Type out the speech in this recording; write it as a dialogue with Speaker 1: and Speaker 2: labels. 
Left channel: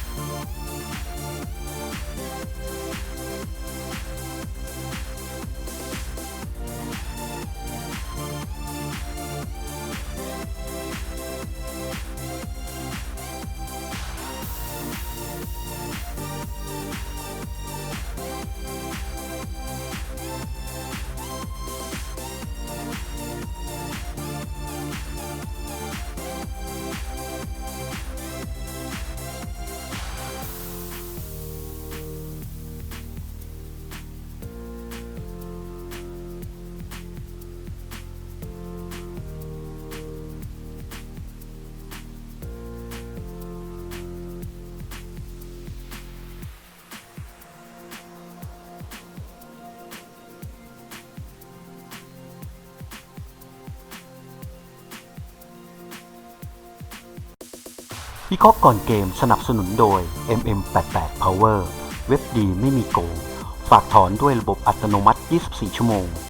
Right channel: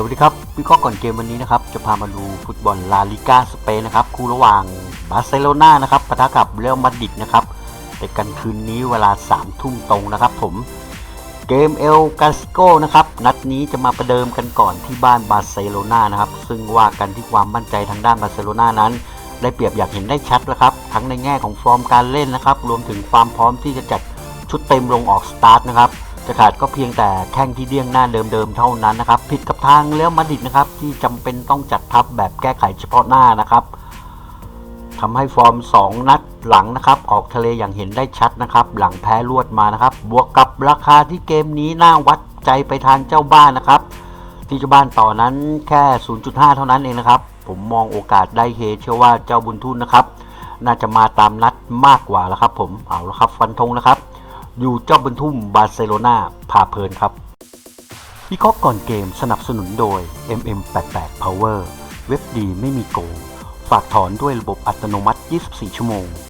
Speaker 1: สวัสดีครับวิเคราะห์ก่อนเกมวันนี้นะครับ จะพามาดูฟุตบอลลาลิกาสเปนนะครับ คู่ระหว่างบาร์เซโลนานะครับปะทะกับเรอัลมาดริดนะครับเตะกันคืนนี้เวลา3ทุ่มตรงนะครับผมเกมเอลกาสโกนะครับ นัดนี้จะมาประเดิมกันก่อนที่บ้านบาร์เซโลนานะครับ ซึ่งว่ากันที่ความมั่นใจทางด้านบาร์เซโลนานั้น ได้เปรียบอยากเห็นได้ชัดแล้วครับ ทั้งในแง่ของฟอร์มการเล่นนะครับ รวมถึงความพร้อมที่จะจัดชุดเต็มลงออกสตาร์ทนะครับ จะขาดก็เพียงแต่แข้งที่เดี้ยงหน้าเดิมๆเท่านั้นนะครับผิดกับทางเลี้ยวมาดิดนะครับที่จำเป็นต้องจัดทัพแบบแก้ไขเฉพาะหน้านะครับทำให้ฟอร์ม 2 นัดหลังนะครับออกทะเลอย่างเห็นได้ชัดนะครับ หลังแพ้รวดมานะครับ บวกกับราคาที่เกมนี้น่าวัดใจไปทางเจ้าบ้านนะครับ ที่เจ้าบ้านต่อนั้นแค่ 0.5 เท่านั้นเองนะครับ ผมมองโอกาสได้เฮเชื่อว่าเจ้าบุญทุนนะครับ น่าจะมาตามนัดมากกว่าแล้วครับ ผมเอาละครับฟันธงนะครับ อยู่เจ้าบุญทุ่มบาร์เซโลนาพาเพลินครับวิเคราะห์ก่อนเกมสนับสนุนโดย MM88 Power เว็บดีไม่มีโกง ฝากถอนด้วยระบบอัตโนมัติ 24 ชั่วโมง